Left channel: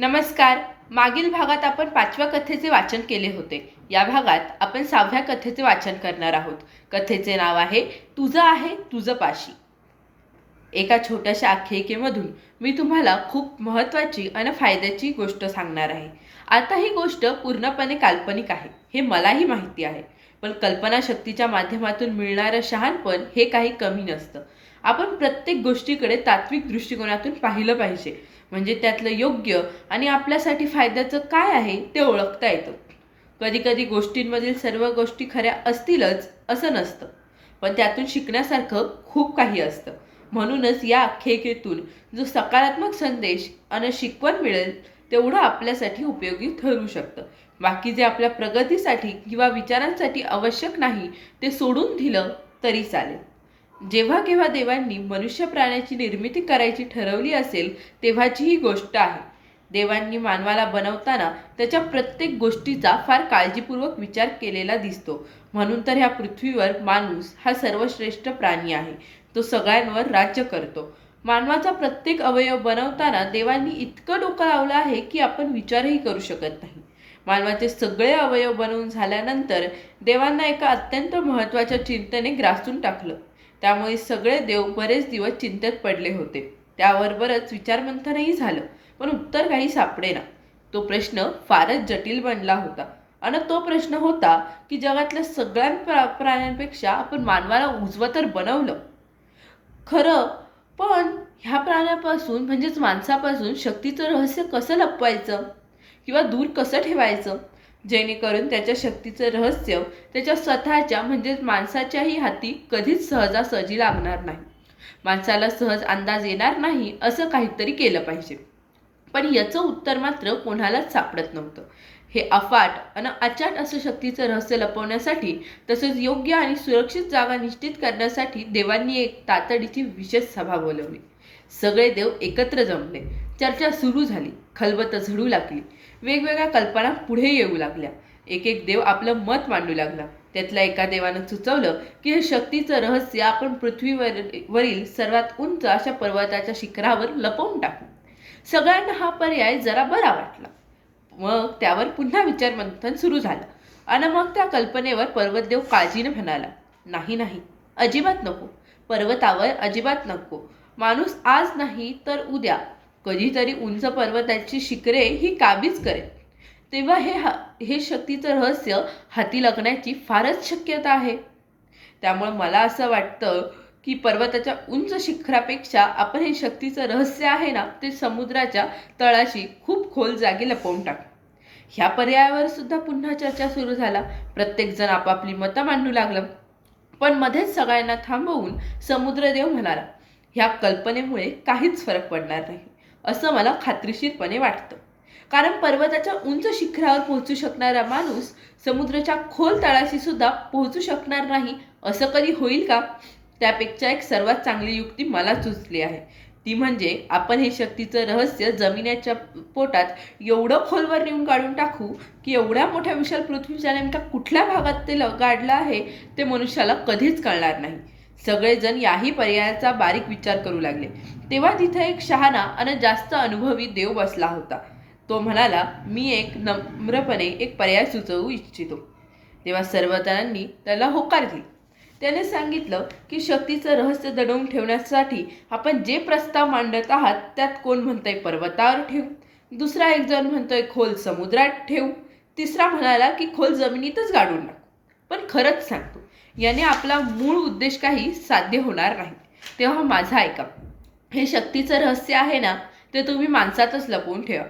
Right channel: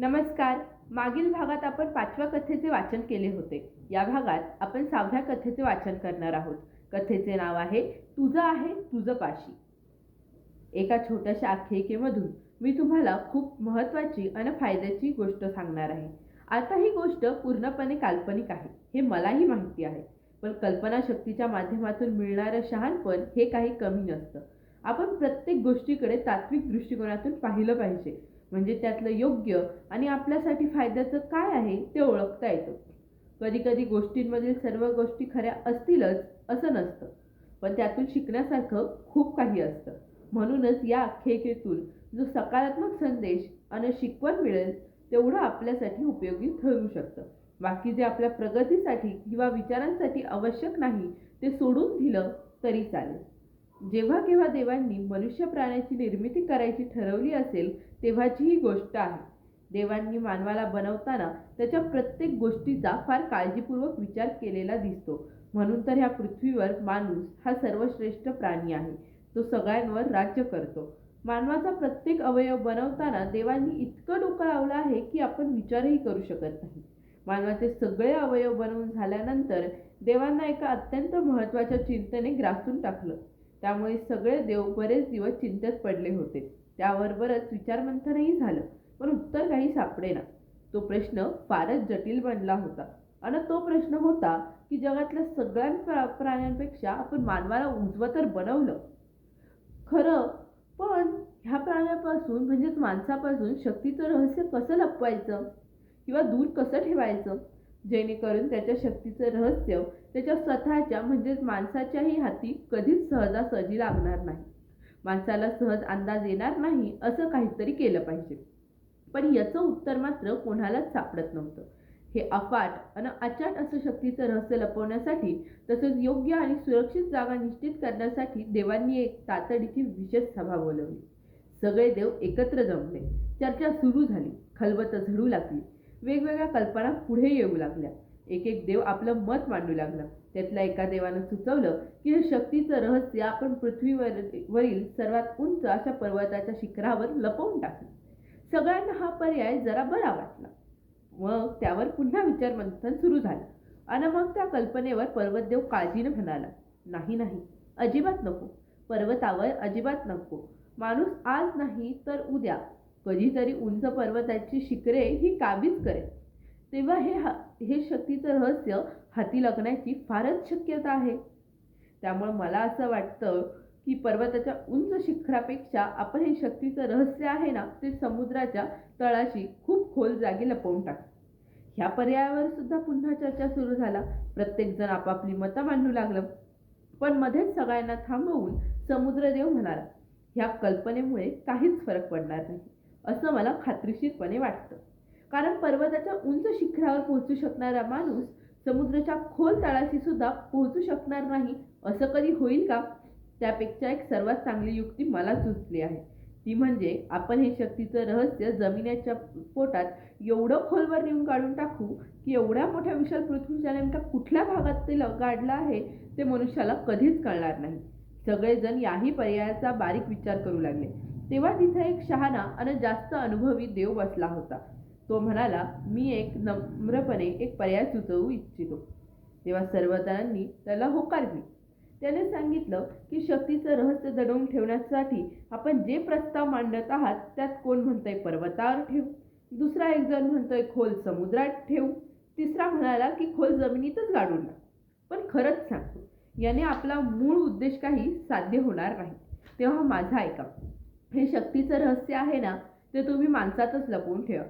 नमस्कार. मागील भागात आपण पाचव्या कथेचे वाचन केले होते. या भागात आपण सहाव्या कथेचे वाचन करणार आहोत. कथेचे नाव आहे तुझं आहे तुझं पाशी. एका छोट्याशा आख्यायिकेमधून मी तुम्हाला खूप महत्त्वाची आणि फायद्याची गोष्ट सांगणार आहे. आता ही गोष्ट पूर्णपणे काल्पनिक आहे हे मलाही माहिती आहे. पण कल्पनाशक्तीच्या माध्यमातून मिळणारं शहाणपण हे काही कमी नसतं. आपण प्रत्येक गोष्टीकडे तात्विक दृष्टिकोनातून पाहिलं पाहिजे. म्हणजे त्यातलं योग्य आणि आपल्यासाठी फायद्याचं काय आहे ते ओळखता येतं. कधीकधी गोष्टींमधील सर्व गोष्टी खऱ्या असतीलच असं नसतं. पण त्यातून शिकण्यासारखं खूप काही असतं. म्हणूनच या आख्यायिकेतून जो सकारात्मक संदेश आणि शिकवण मिळेल तेवढं आपल्यासाठी उपयोगी ठरू शकतं. बाकी जे आपल्या प्रगतीसाठी किंवा विचारांसाठी आवश्यक नाही ते सोडून दिलं तरी चालेल. जेव्हा केव्हा देवांनी मनुष्य प्राण्याची निर्मिती करायची ठरवली असेल तेव्हाची ही गोष्ट आहे. देवांनी मानवाला बनवताना त्याच्या प्रत्येक गोष्टीचा फार काळजीपूर्वक विचार केलेला दिसतो. म्हणून तर ह्या पृथ्वीवर माणूस हा सर्वश्रेष्ठ प्राणी आहे. तो सगळ्यांवर राज्य करतो. मानवाचा प्रत्येक अवयव बनवताना देवांनी इतकं डोकं लावलं आहे की आपण विचारही करू शकत नाही. मानवाचे सगळे अवयव बनवून झाल्यानंतर देवांना एका अत्यंत महत्त्वाच्या चिंतेने ग्रासून टाकलं. त्यामुळे सगळे देव बरेच दिवस चिंतेत पडले होते. त्याबरोबरच विचारमंथनही झालं पण उत्तर काही सापडेना. तो प्रश्न फारच जटिल बनला होता आणि तो प्रश्न होता की जगातल्या सगळ्या प्रा प्राण्यांपेक्षा आपण मानवाला उजवं तर बनवलं. खरं पण ह्या प्राण्यापासून म्हणजेच माणसापासून शक्तीचं रहस्य कसं लपवायचं? किंवा दूर कसं ठेवायचं? जेणेकरून त्याच्या शक्तीचं रहस्य त्याच्या स्वतःच्या म्हणजेच माणसाच्याही हाती कधीच सहजासहजी लागणार नाही. माणसाला सहज अंदाज येणार नाही असं काहीतरी केलं पाहिजे. पण याचं उत्तर मात्र कोणालाच सापडत नव्हतं. हे अफाट आणि अचाट असं शक्तीचं रहस्य लपवण्यासाठी तसेच योग्य आणि सुरक्षित जागा निश्चित करण्यासाठी देवांनी एक तातडीची विशेष सभा बोलवली. सगळे देव एकत्र जमले. चर्चा सुरू झाली. खलबत झडू लागली. वेगवेगळ्या कल्पना पुढे येऊ लागल्या. एक एक देव आपलं मत मांडू लागला. त्यातल्या एका देवानं सुचवलं की हे शक्तीचं रहस्य आपण पृथ्वीवर वरील सर्वात उंच अशा पर्वताच्या शिखरावर लपवून टाकू. सगळ्यांना हा पर्याय जरा बरा वाटला. मग त्यावर पुन्हा विचारमंथन सुरू झालं. आणि मग त्या कल्पनेवर पर्वतदेव काळजीनं म्हणाला नाही नाही अजिबात नको. पर्वतावर अजिबात नको. माणूस आज नाही तर उद्या. कधीतरी उंच पर्वताची शिखरे ही काबीज करेल. तेव्हा हे हा हे शक्तीचं रहस्य हाती लागण्याची फारच शक्यता आहे. त्यामुळे मला असं वाटतं की पर्वताच्या उंच शिखरापेक्षा आपण हे शक्तीचं रहस्य आहे ना ते समुद्राच्या तळाशी खूप खोल जागी लपवून टाक. ह्या पर्यायावर सुद्धा पुन्हा चर्चा सुरू झाला. प्रत्येकजण आपापली मतं मांडू लागलं. पण मध्येच सगळ्यांना थांबवून समुद्रदेव म्हणाला ह्या कल्पनेमुळे काहीच फरक पडणार नाही. असं मला खात्रीशीरपणे वाटतं. कारण पर्वताच्या उंच शिखरावर पोहोचू शकणारा माणूस समुद्राच्या खोल तळाशी सुद्धा पोहोचू शकणार नाही असं कधी होईल का? त्यापेक्षा एक सर्वात चांगली युक्ती मला सुचली आहे. ती म्हणजे आपण हे शक्तीचं रहस्य जमिनीच्या पोटात एवढं खोलवर नेऊन काढून टाकू की एवढ्या मोठ्या विशाल पृथ्वीच्या नेमका कुठल्या भागात ते ल- गाडलं आहे ते मनुष्याला कधीच कळणार नाही. सगळेजण याही पर्यायाचा बारीक विचार करू लागले. तेव्हा तिथे एक शहाणा आणि जास्त अनुभवी देव बसला होता. तो म्हणाला मी एक नम्रपणे एक पर्याय सुचवू इच्छितो. तेव्हा सर्वजणांनी त्याला होकार दिली. त्याने सांगितलं की शक्तीचं रहस्य दडवून ठेवण्यासाठी आपण जे प्रस्ताव मांडत आहात त्यात कोण म्हणतंय पर्वतावर ठेवू? दुसरा एक जण म्हणतोय खोल समुद्रात ठेवू? तिसरा म्हणाला की खोल जमिनीतच गाडून टाकू. पण खरंच सांगतो याने आपला मूळ उद्देश काही साध्य होणार नाही. तेव्हा माझा ऐका. हे शक्तीचं रहस्य आहे ना ते तुम्ही माणसातच लपवून ठेवा.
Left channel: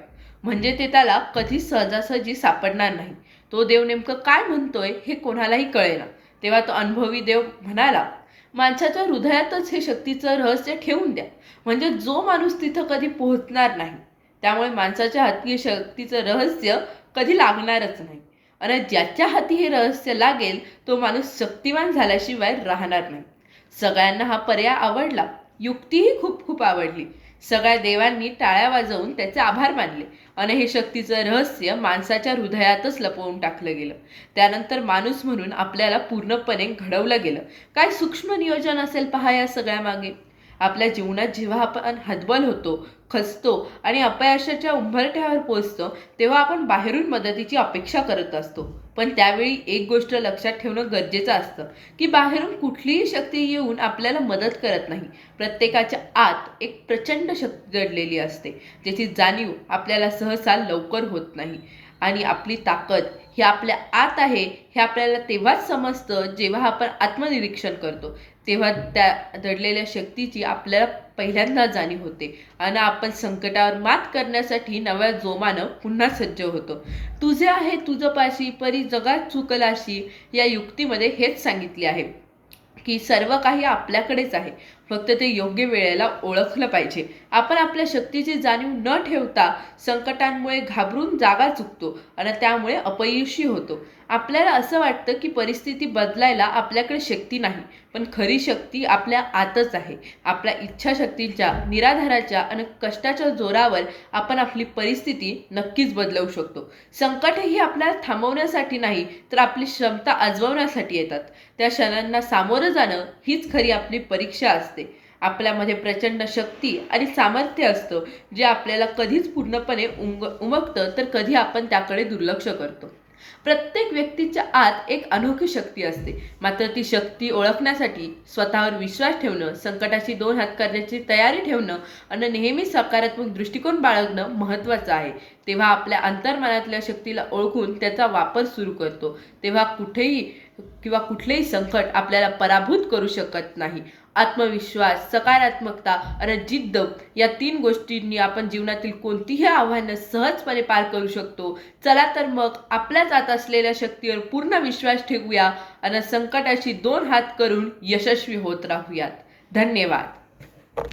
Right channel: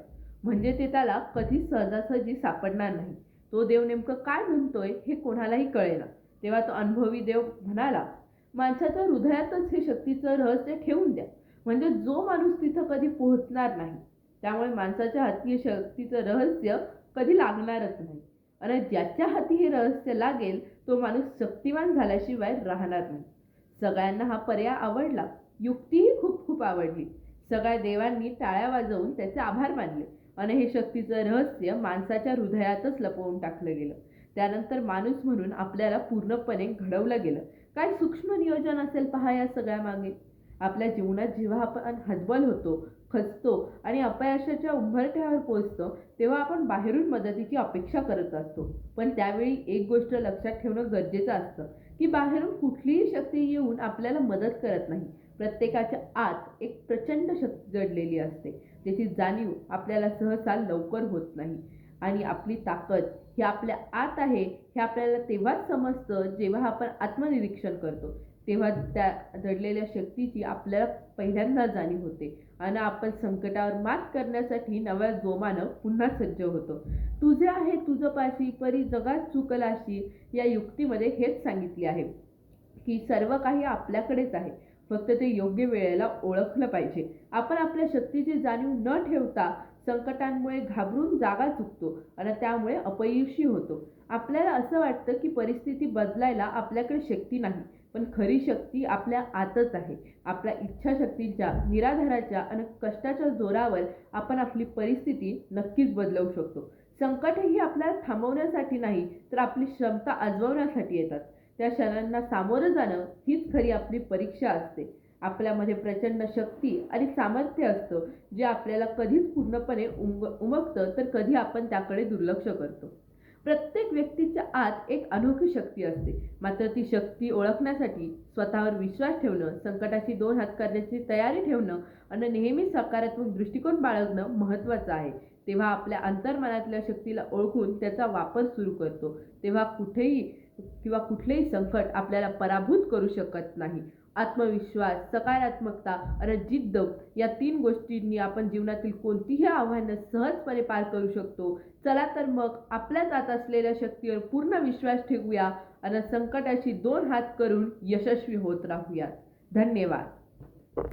म्हणजे ते त्याला कधीच सहजासहजी सापडणार नाही. तो देव नेमकं काय म्हणतोय हे कोणालाही कळेना. तेव्हा तो अनुभवी देव म्हणाला माणसाच्या हृदयातच हे शक्तीचं रहस्य ठेवून द्या. म्हणजे जो माणूस तिथं कधी पोहोचणार नाही त्यामुळे माणसाच्या हाती शक्तीचं रहस्य कधी लागणारच नाही. आणि ज्याच्या हाती हे रहस्य लागेल तो माणूस शक्तिवान झाल्याशिवाय राहणार नाही. सगळ्यांना हा पर्याय आवडला. युक्तीही खूप खूप आवडली. सगळ्या देवांनी टाळ्या वाजवून त्याचे आभार मानले आणि हे शक्तीचं रहस्य माणसाच्या हृदयातच लपवून टाकलं गेलं. त्यानंतर माणूस म्हणून आपल्याला पूर्णपणे घडवलं गेलं. काय सूक्ष्म नियोजन असेल पहा या सगळ्या मागे आपल्या जीवनात जेव्हा आपण हतबल होतो खचतो आणि अपयशाच्या उंबरठ्यावर पोचतो तेव्हा आपण बाहेरून मदतीची अपेक्षा करत असतो. पण त्यावेळी एक गोष्ट लक्षात ठेवणं गरजेचं असतं की बाहेरून कुठलीही शक्ती येऊन आपल्याला मदत करत नाही. प्रत्येकाच्या आत एक प्रचंड शक्ती दडलेली असते ज्याची जाणीव आपल्याला सहसा लवकर होत नाही. आणि आपली ताकद ही आपल्या आत आहे हे आपल्याला तेव्हाच समजतं जेव्हा आपण आत्मनिरीक्षण करतो. तेव्हा त्या दडलेल्या शक्तीची आपल्याला पहिल्यांदा जाणीव होते. आणि आपण संकटावर मात करण्यासाठी नव्या जोमानं पुन्हा सज्ज होतो. तुझे आहे तुझं पाशी परी जगात चुकलाशी या युक्तीमध्ये हेच सांगितले आहे की सर्व काही आपल्याकडेच आहे. फक्त ते योग्य वेळेला ओळखलं पाहिजे. आपण आपल्या शक्तीची जाणीव न ठेवता संकटांमुळे घाबरून जागा चुकतो आणि त्यामुळे अपयशी होतो. आपल्याला असं वाटतं की परिस्थिती बदलायला आपल्याकडे शक्ती नाही पण खरी शक्ती आपल्या आतच आहे. आपल्या इच्छाशक्तींच्या निराधाराच्या आणि कष्टाच्या जोरावर आपण आपली परिस्थिती नक्कीच बदलवू शकतो. संकट ही आपल्याला थांबवण्यासाठी नाही तर आपली क्षमता आजवण्यासाठी येतात. त्या क्षणांना सामोरं जाणं हीच खरी आपली परीक्षा असते. आपल्यामध्ये प्रचंड शक्ती आणि सामर्थ्य असतं जे आपल्याला कधीच पूर्णपणे उमग उमगतं तर कधी आपण त्याकडे दुर्लक्ष करतो. प्रत्येक व्यक्तीच्या आत एक अनोखी शक्ती असते. मात्र ती शक्ती ओळखण्यासाठी स्वतःवर विश्वास ठेवणं संकटाशी दोन हात करण्याची तयारी ठेवणं आणि नेहमी सकारात्मक दृष्टिकोन बाळगणं महत्त्वाचं आहे. तेव्हा आपल्या अंतर्मनातल्या शक्तीला ओळखून त्याचा वापर सुरू करतो. तेव्हा कुठेही किंवा कुठलेही संकट आपल्याला पराभूत करू शकत नाही. आत्मविश्वास सकारात्मकता आणि जिद्द या तीन गोष्टींनी आपण जीवनातील कोणतीही आव्हानं सहजपणे पार करू शकतो. चला तर मग आपल्या जात असलेल्या शक्तीवर पूर्ण विश्वास ठेवूया आणि संकटाशी दोन हात करून यशस्वी होत राहूयात. धन्यवाद.